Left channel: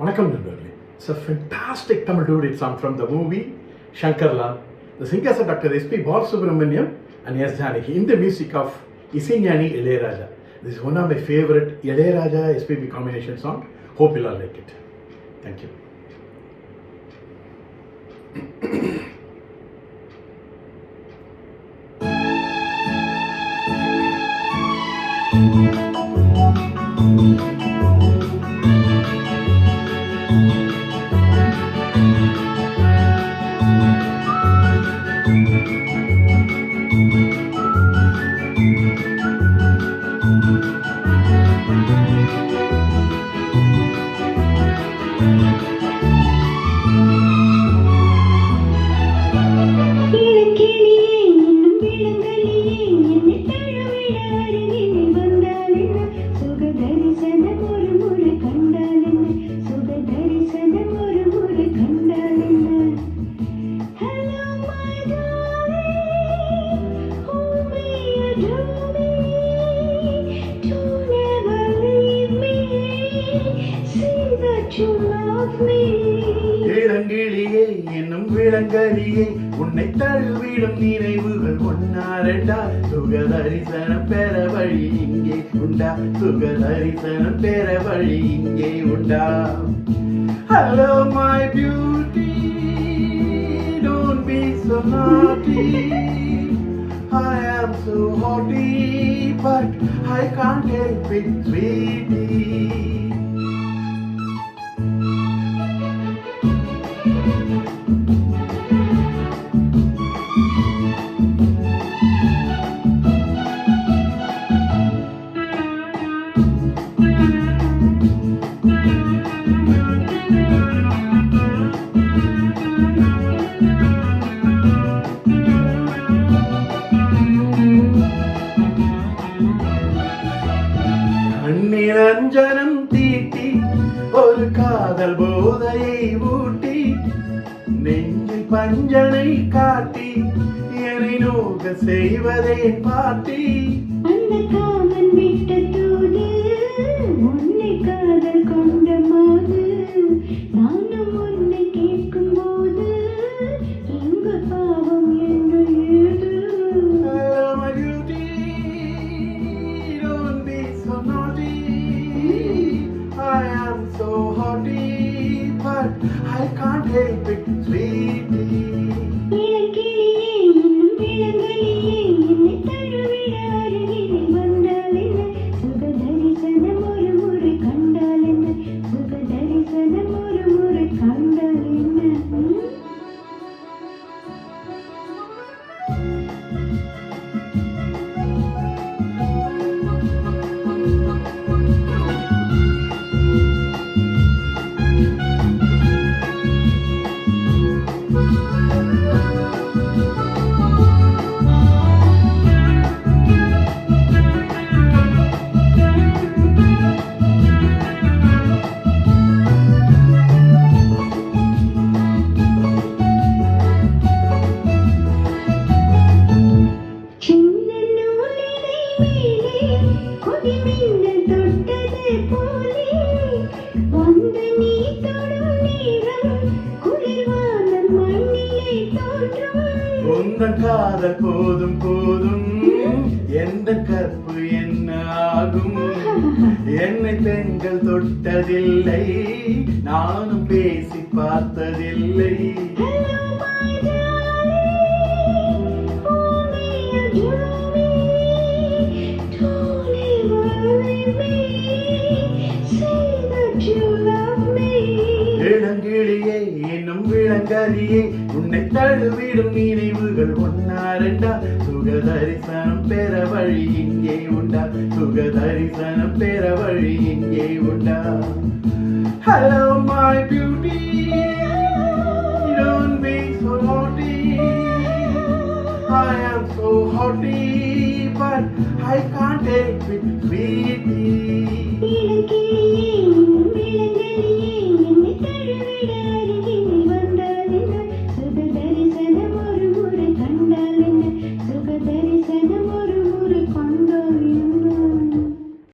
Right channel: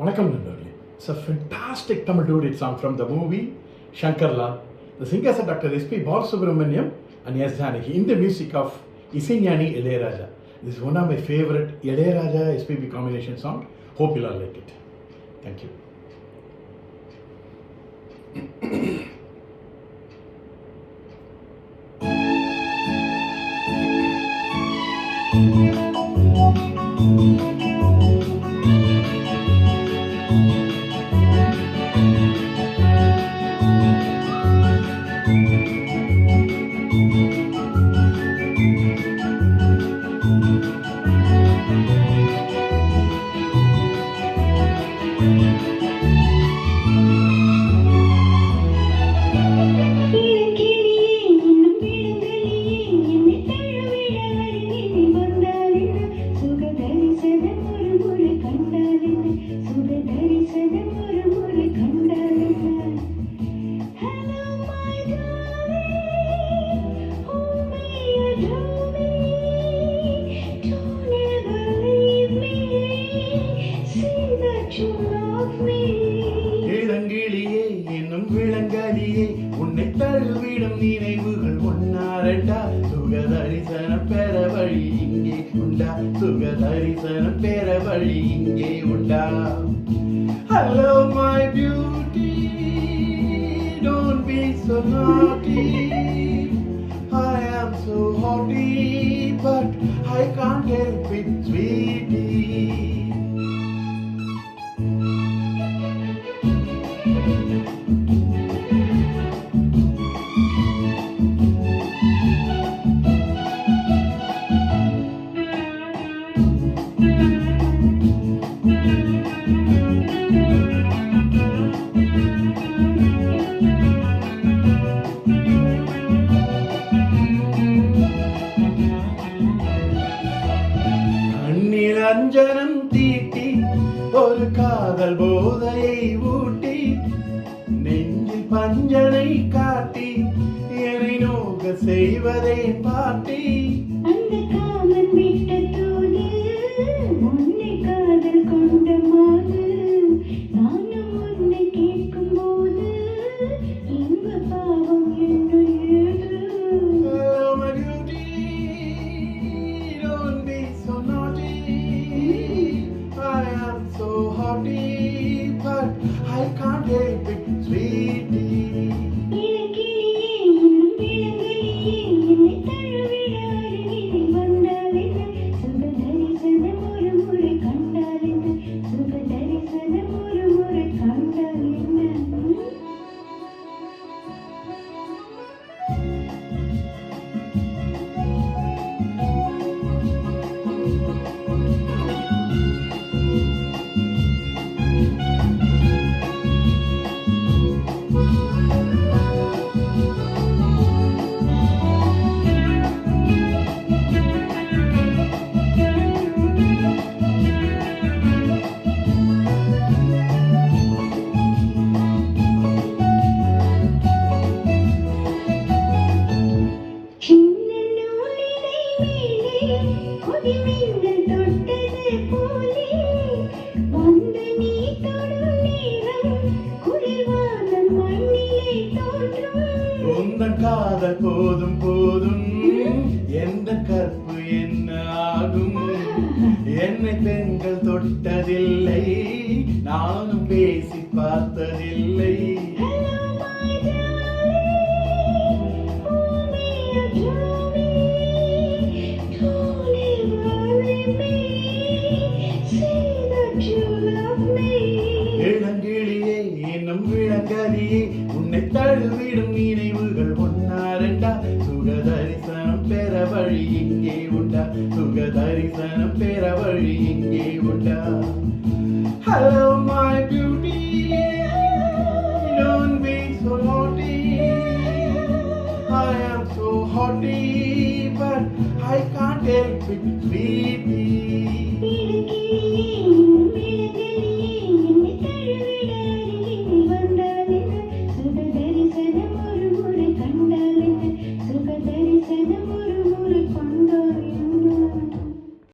வணக்கம் நண்பர்களே. It's a fantastic Tamil duet song from the movie Shankarlal. The singers are Dr. S.P. Balasubramaniam and S. Janaki in the music of Isignani Ilayaraja. This is one of my favorite Ilayaraja SPB combination song. Hope you all like it. Thank you. இளங்கிளியே என்னும் விளங்கலியே உன்னை தழுவிடும் நினைவுகள் ஒன்னாரண்டா சுகதரிசனம் பெற வழி இங்கே உண்டா சுகதரிசனம் பெற வழி இங்கே உண்டா. Hello my beauty, don't be so naughty. I am so haughty, but I can't help it, sweetie. நிரஞ்சனம் தீட்டி ஒரு காதல் போதையை ஊட்டி நெஞ்சில் பஞ்சனை காட்டி என்னை நோக செய்வதே பாட்டி. So haughty, but I can't help it, sweetie. உந்தன் காதல் போதும் போதும் எந்த கற்பு என்ன ஆகும். என்னை பெண்கள் தொட்டதில்லை, நானும் பேசி பார்த்ததில்லை. இளங்கிளியே என்னும் விளங்கலியே உன்னை தழுவிடும் நினைவுகள் ஒன்னாரண்டா சுகதரிசனம் பெற வழி இங்கே உண்டா சுகதரிசனம் பெற வழி இங்கே உண்டா. Hello my beauty, don't be so naughty. I am so haughty, but I can't help it, sweetie.